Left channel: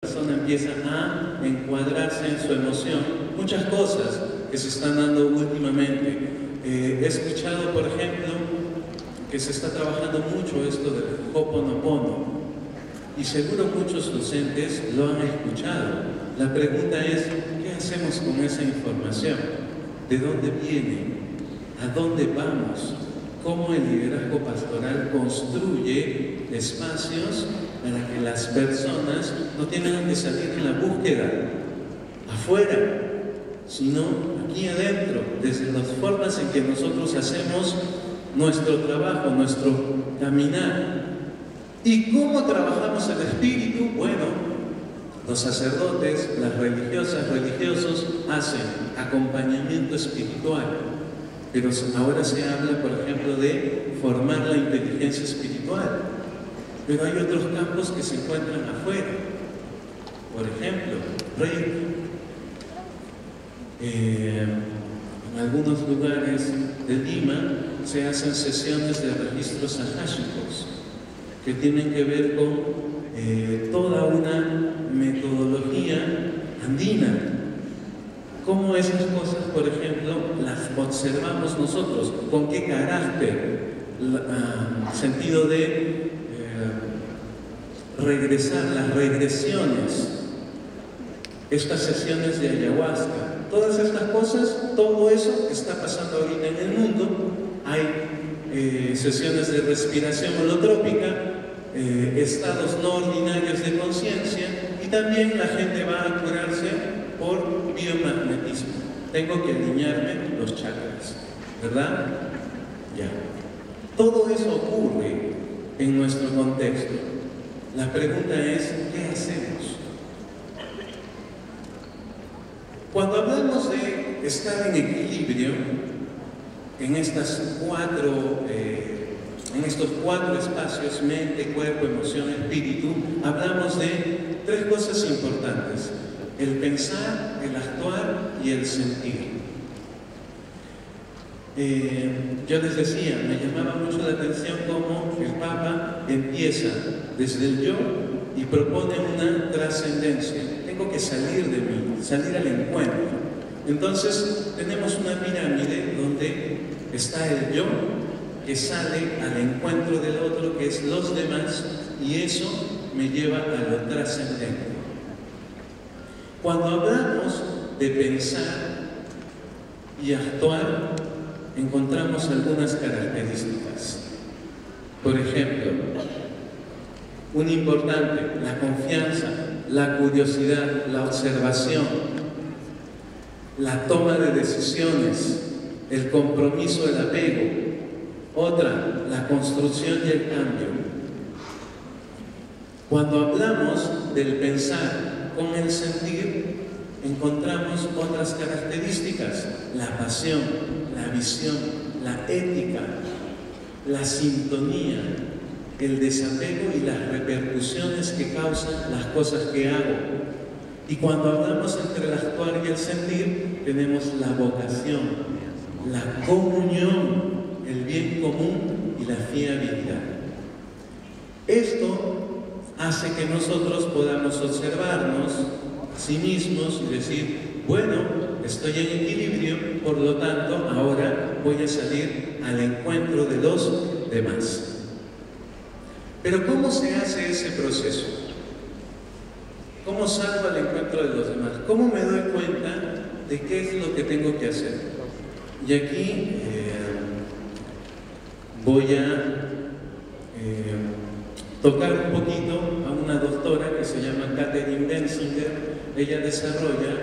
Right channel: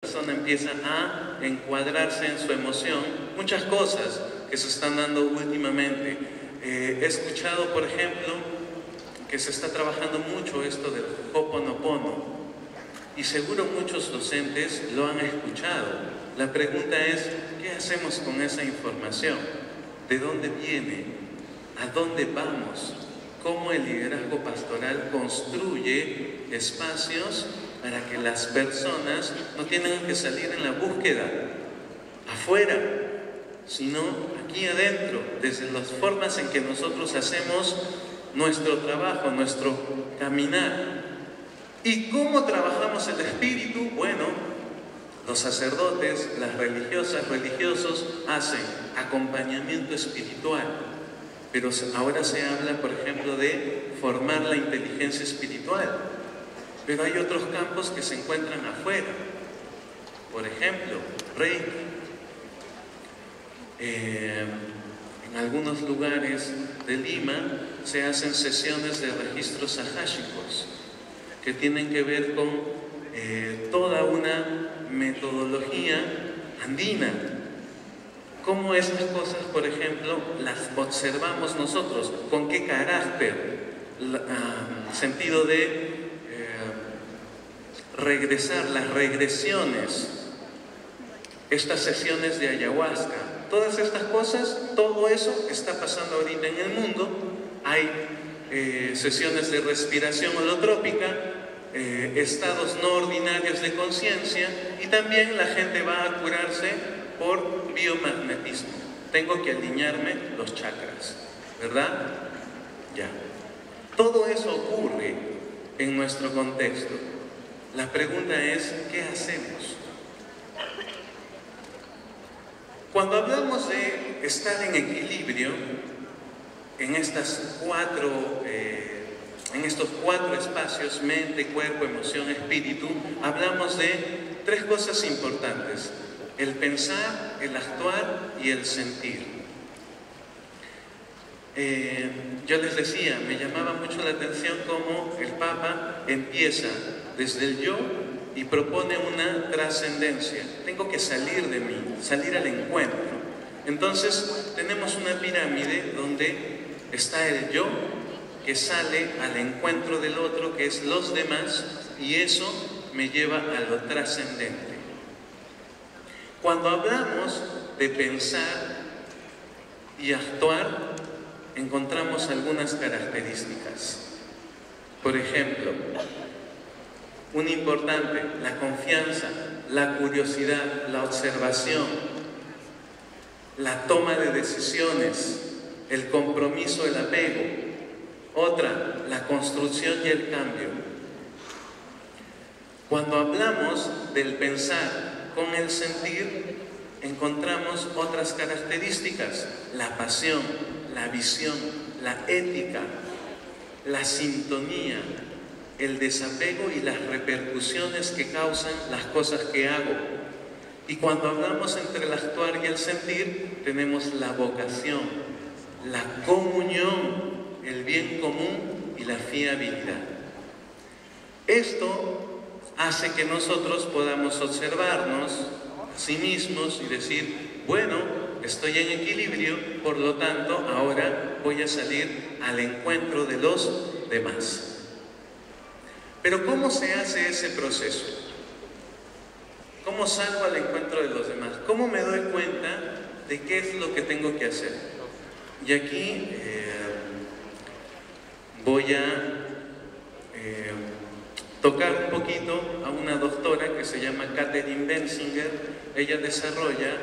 persona empieza a encuadrarse en su emoción, muchas cosas que se están dando últimamente. He escuchado, por ejemplo, que se está trabajando mucho esto del Ho'oponopono, y seguro muchos docentes lo han escuchado. La pregunta es, ¿qué hacemos con esa información? ¿De dónde viene? ¿A dónde vamos? ¿Cómo el liderazgo pastoral construye espacios para que las personas no tengan que salir en la búsqueda afuera, sino aquí adentro, desde las formas en que nosotros hacemos nuestro trabajo, nuestro caminar? ¿Y cómo trabajamos el espíritu? Bueno, los sacerdotes, las religiosas, religiosos hacen acompañamiento espiritual, pero ahora se habla, por ejemplo, de formar la inteligencia espiritual, pero hay otros campos que se encuentran afuera. Por ejemplo, Reiki. En algunos lugares de Lima se hacen sesiones de registros akáshicos que tienen que ver con toda una metodología andina. Cómo esas cosas, por ejemplo, las observamos nosotros, con qué carácter, sentido de regresar, las regresiones, estas sesiones de ayahuasca, todas estas cosas, todo eso está pasando ahorita en el mundo. Hay sesiones de respiración holotrópica, estados no ordinarios de conciencia, y también la gente va a curarse por biomagnetismo. Tengo que alinearme los chakras, ¿verdad? Ya. Todo eso ocurre en nuestro contexto. La pregunta es, ¿qué hacemos? Cuando hablamos de estar en equilibrio en estos cuatro espacios, mente, cuerpo, emoción, espíritu, hablamos de tres cosas importantes: el pensar, el actuar y el sentir. Yo les decía, me llamaba mucho la atención cómo el Papa empieza desde el yo y propone una trascendencia. Tengo que salir de mí, salir al encuentro. Entonces tenemos una pirámide donde está el yo, que sale al encuentro del otro, que es los demás, y eso me lleva a lo trascendente. Cuando hablamos de pensar y actuar, encontramos algunas características. Por ejemplo, un importante, la confianza, la curiosidad, la observación, la toma de decisiones, el compromiso, el apego. Otra, la construcción y el cambio. Cuando hablamos del pensar con el sentir, encontramos otras características: la pasión, la visión, la ética, la sintonía, el desapego y las repercusiones que causan las cosas que hago. Y cuando hablamos entre el actuar y el sentir, tenemos la vocación, la comunión, el bien común y la fiabilidad. Esto hace que nosotros podamos observarnos a sí mismos y decir, bueno, estoy en equilibrio, por lo tanto, ahora voy a salir al encuentro de los demás. Pero ¿cómo se hace ese proceso? ¿Cómo salgo al encuentro de los demás? ¿Cómo me doy cuenta de qué es lo que tengo que hacer? Y aquí voy a tocar un poquito a una doctora que se llama Catherine Benzinger. Ella desarrolla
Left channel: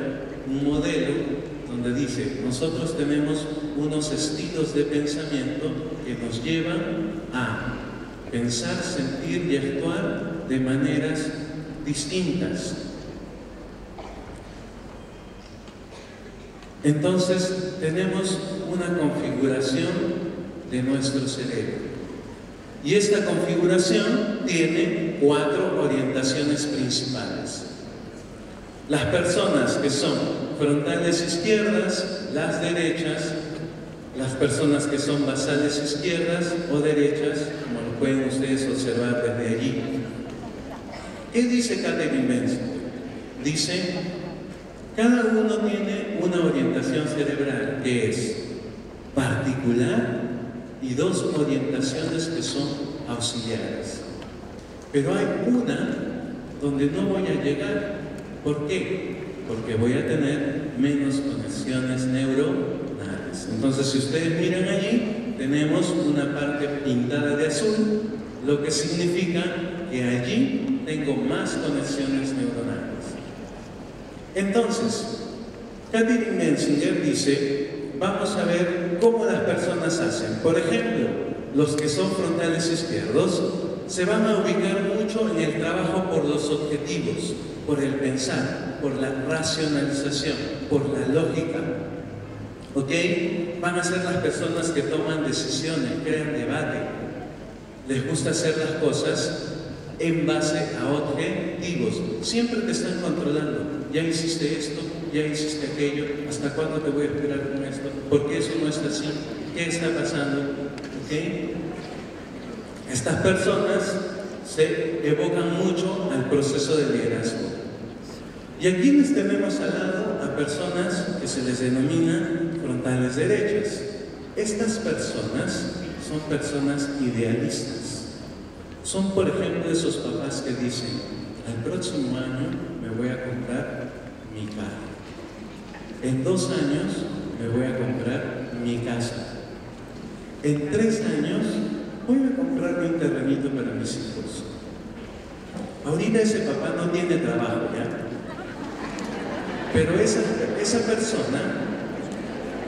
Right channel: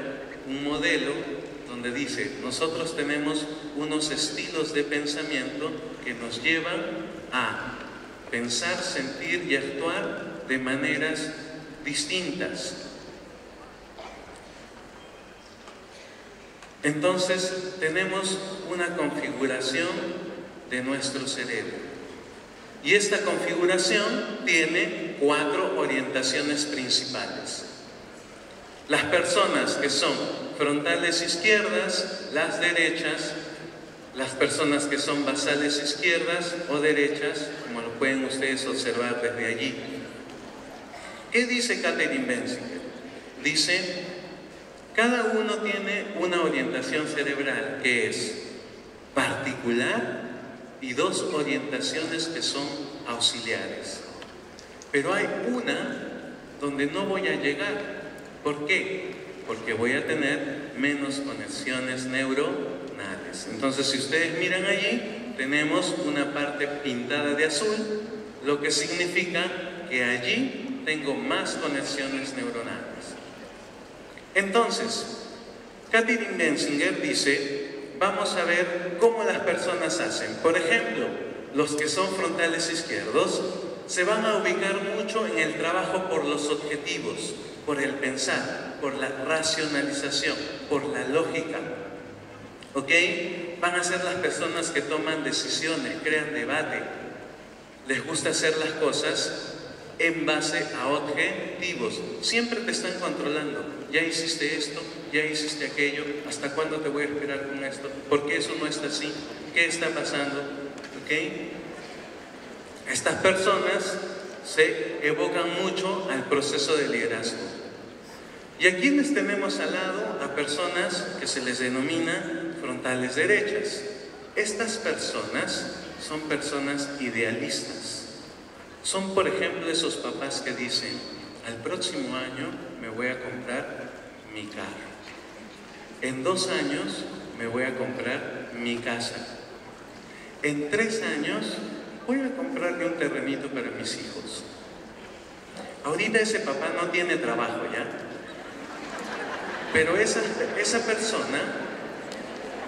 un modelo donde dice, nosotros tenemos unos estilos de pensamiento que nos llevan a pensar, sentir y actuar de maneras distintas. Entonces tenemos una configuración de nuestro cerebro, y esta configuración tiene 4 orientaciones principales. Las personas que son frontales izquierdas, las derechas; las personas que son basales izquierdas o derechas, como lo pueden ustedes observar desde allí. ¿Qué dice Catherine Benzinger? dice, cada uno tiene una orientación cerebral que es particular y dos orientaciones que son auxiliares. Pero hay una donde no voy a llegar. ¿Por qué? Porque voy a tener menos conexiones neuronales. Entonces, si ustedes miran allí, tenemos una parte pintada de azul, lo que significa que allí tengo más conexiones neuronales. Entonces, Katherine Menzinger dice, vamos a ver cómo las personas hacen. Por ejemplo, los que son frontales izquierdos se van a ubicar mucho en el trabajo por los objetivos, por el pensar, por la racionalización, por la lógica. ¿Ok? Van a ser las personas que toman decisiones, crean debate. Les gusta hacer las cosas en base a objetivos. Siempre te están controlando. Ya hiciste esto, ya hiciste aquello, ¿hasta cuándo te voy a esperar con esto? ¿Por qué eso no está así? ¿Qué está pasando? ¿Ok? Estas personas se evocan mucho al proceso de liderazgo. Y aquí les tenemos al lado a personas que se les denomina frontales derechas. Estas personas son personas idealistas. Son, por ejemplo, esos papás que dicen, al próximo año me voy a comprar mi carro. En 2 años me voy a comprar mi casa. En 3 años voy a comprarme un terrenito para mis hijos. Ahorita ese papá no tiene trabajo ya. Pero esa persona,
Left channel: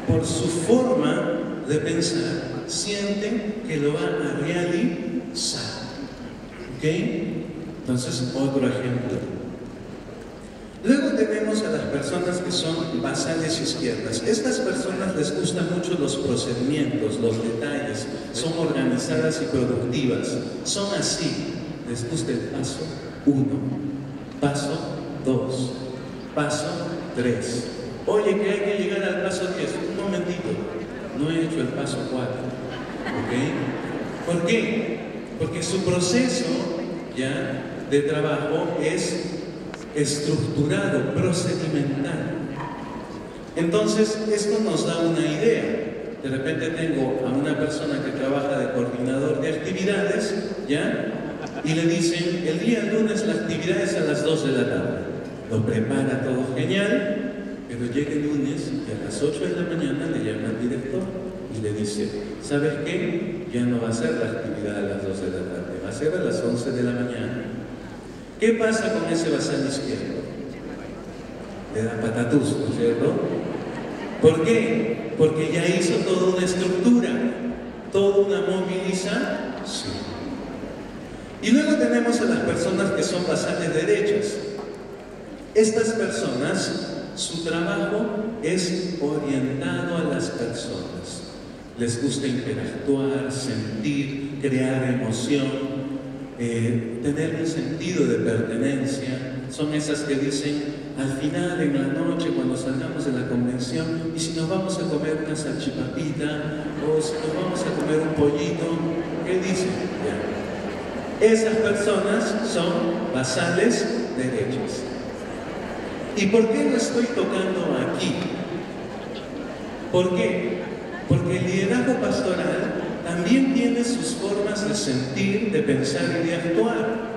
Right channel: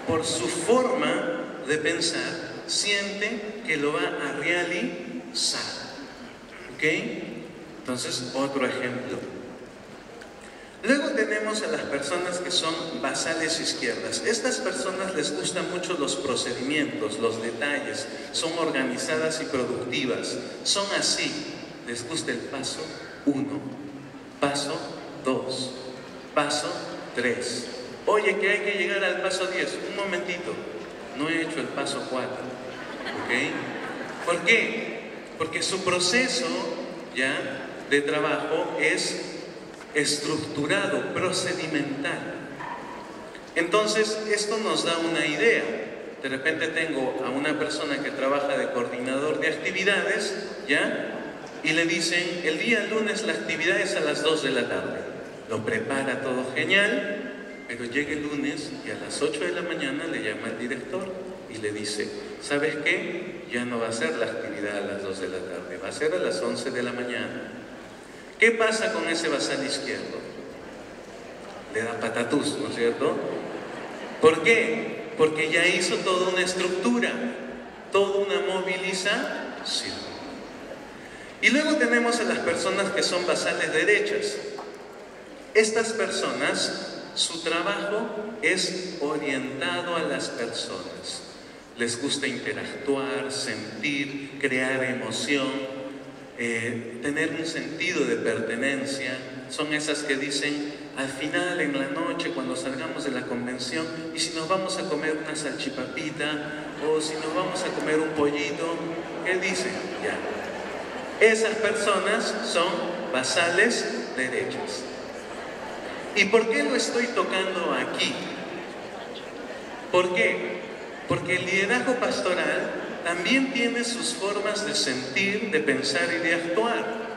por su forma de pensar, siente que lo va a realizar. ¿Ok? Entonces, otro ejemplo. Luego tenemos a las personas que son basales izquierdas. Estas personas les gustan mucho los procedimientos, los detalles, son organizadas y productivas. Son así. Les gusta el paso 1, paso 2, paso 3. Oye, que hay que llegar al paso 10. Un momentito, no he hecho el paso 4. ¿Ok? ¿Por qué? Porque su proceso ya de trabajo es estructurado, procedimental. Entonces, esto nos da una idea. De repente tengo a una persona que trabaja de coordinador de actividades, ¿ya? Y le dicen, el día lunes la actividad es a las 2 de la tarde. Lo prepara todo genial, pero llega el lunes y a las 8 de la mañana le llama el director y le dice, ¿sabes qué? Ya no va a ser la actividad a las 2 de la tarde, va a ser a las 11 de la mañana. ¿Qué pasa con ese basal izquierdo? Le da patatús, ¿no es cierto? ¿Por qué? Porque ya hizo toda una estructura, toda una movilización. Y luego tenemos a las personas que son basales derechas. Estas personas, su trabajo es orientado a las personas. Les gusta interactuar, sentir, crear emoción, tener un sentido de pertenencia. Son esas que dicen, al final, en la noche, cuando salgamos de la convención, y si nos vamos a comer una salchipapita, o si nos vamos a comer un pollito, ¿qué dicen? Ya. Esas personas son basales derechas. ¿Y por qué lo estoy tocando aquí? ¿Por qué? Porque el liderazgo pastoral también tiene sus formas de sentir, de pensar y de actuar.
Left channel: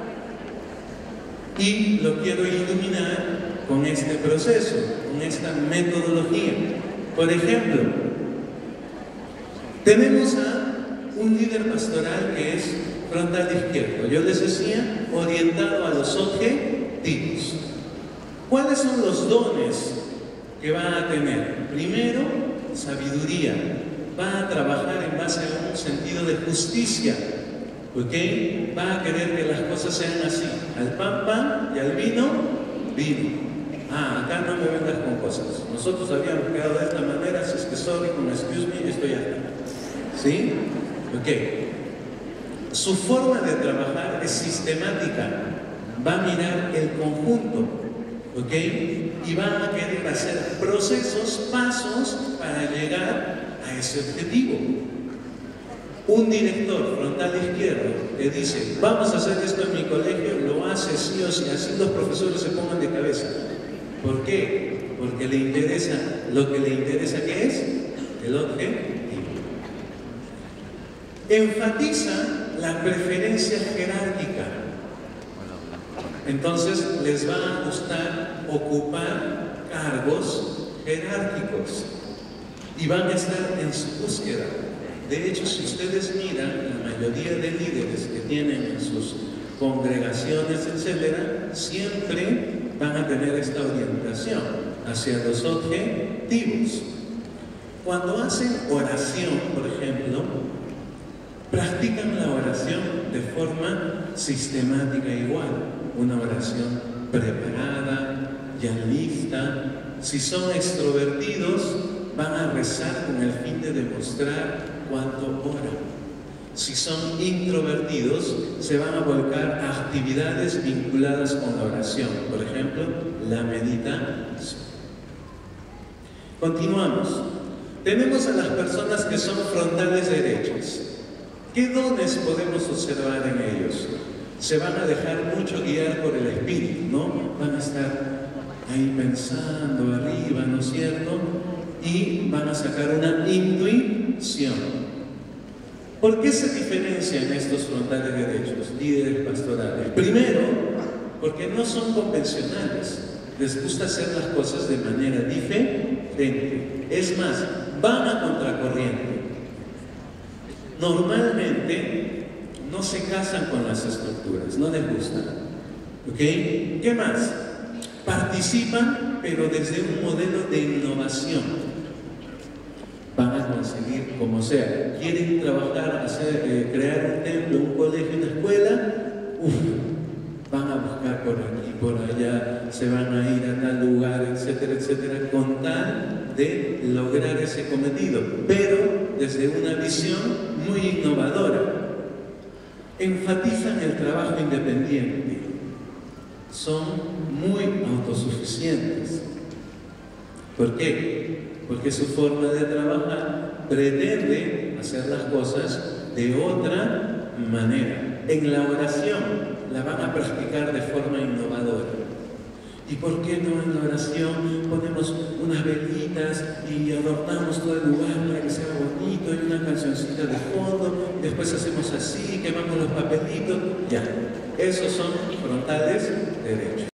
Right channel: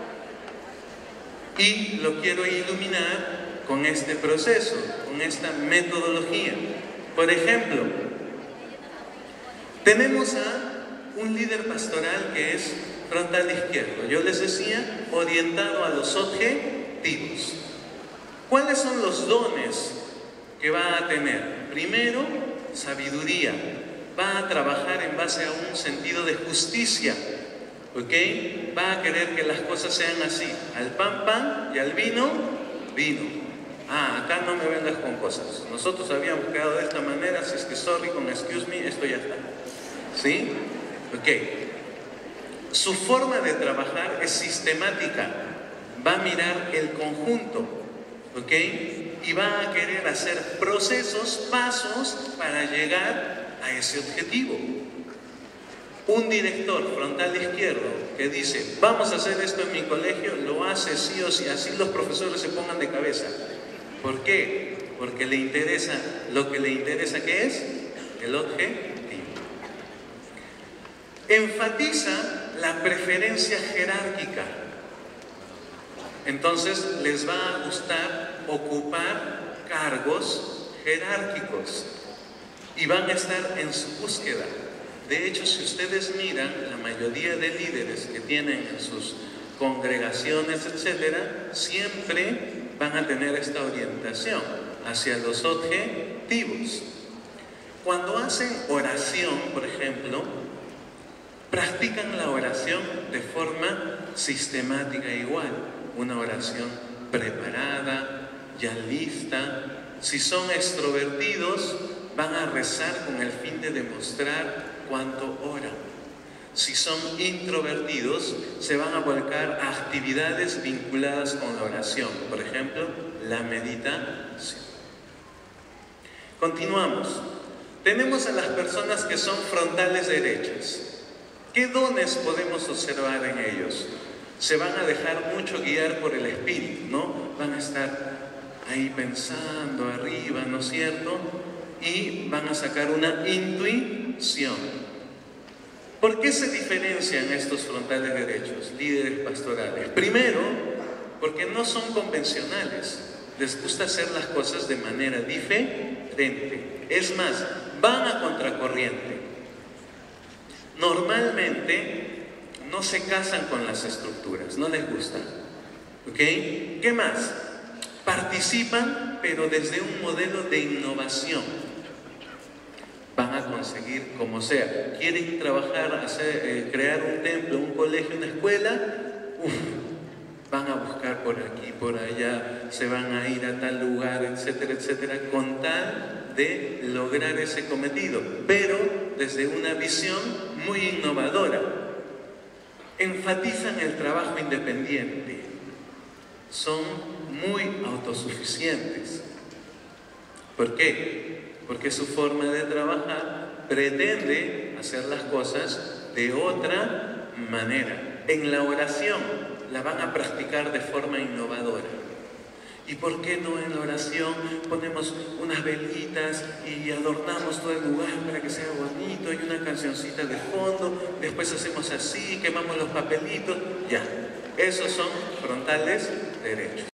Y lo quiero iluminar con este proceso, con esta metodología. Por ejemplo, tenemos a un líder pastoral que es frontal izquierdo. Yo les decía, orientado a los objetivos. ¿Cuáles son los dones que va a tener? Primero, sabiduría. Va a trabajar en base a un sentido de justicia. ¿Ok? Va a querer que las cosas sean así. Al pan, pan, y al vino, vino. Ah, acá no me vengas con cosas. Nosotros habíamos quedado de esta manera, si es que sorry, con excuse me, esto ya está. ¿Sí? Ok. Su forma de trabajar es sistemática. Va a mirar el conjunto. ¿Ok? Y va a querer hacer procesos, pasos para llegar a ese objetivo. Un director frontal izquierdo que dice, vamos a hacer esto en mi colegio, lo hace sí o sí, así los profesores se pongan de cabeza. ¿Por qué? Porque le interesa lo que le interesa, ¿qué es? El objetivo. Enfatiza la preferencia jerárquica. Entonces les va a gustar ocupar cargos jerárquicos y van a estar en su búsqueda. De hecho, si ustedes miran, la mayoría de líderes que tienen en sus congregaciones, etcétera, siempre van a tener esta orientación hacia los objetivos. Cuando hacen oración, por ejemplo, practican la oración de forma sistemática igual. Una oración preparada, ya lista. Si son extrovertidos, van a rezar con el fin de demostrar cuánto oran. Si son introvertidos, se van a volcar a actividades vinculadas con la oración. Por ejemplo, la meditación. Continuamos. Tenemos a las personas que son frontales derechas. ¿Qué dones podemos observar en ellos? Se van a dejar mucho guiar por el espíritu, ¿no? Van a estar ahí pensando arriba, ¿no es cierto? Y van a sacar una intuición. ¿Por qué se diferencian estos frontales derechos, líderes pastorales? Primero, porque no son convencionales. Les gusta hacer las cosas de manera diferente. Es más, van a contracorriente. Normalmente no se casan con las estructuras, no les gusta. ¿Ok? ¿Qué más? Participan, pero desde un modelo de innovación. Van a conseguir como sea. Quieren trabajar, crear un templo, un colegio, una escuela. Van a buscar por aquí, por allá, se van a ir a tal lugar, etcétera, etcétera, con tal de lograr ese cometido, pero desde una visión muy innovadora. Enfatizan el trabajo independiente, son muy autosuficientes. ¿Por qué? Porque su forma de trabajar pretende hacer las cosas de otra manera. En la oración la van a practicar de forma innovadora. ¿Y por qué no en la oración ponemos unas velitas y adornamos todo el lugar para que sea bonito? Hay una cancioncita de fondo, después hacemos así, quemamos los papelitos, ya. Esos son frontales derechos.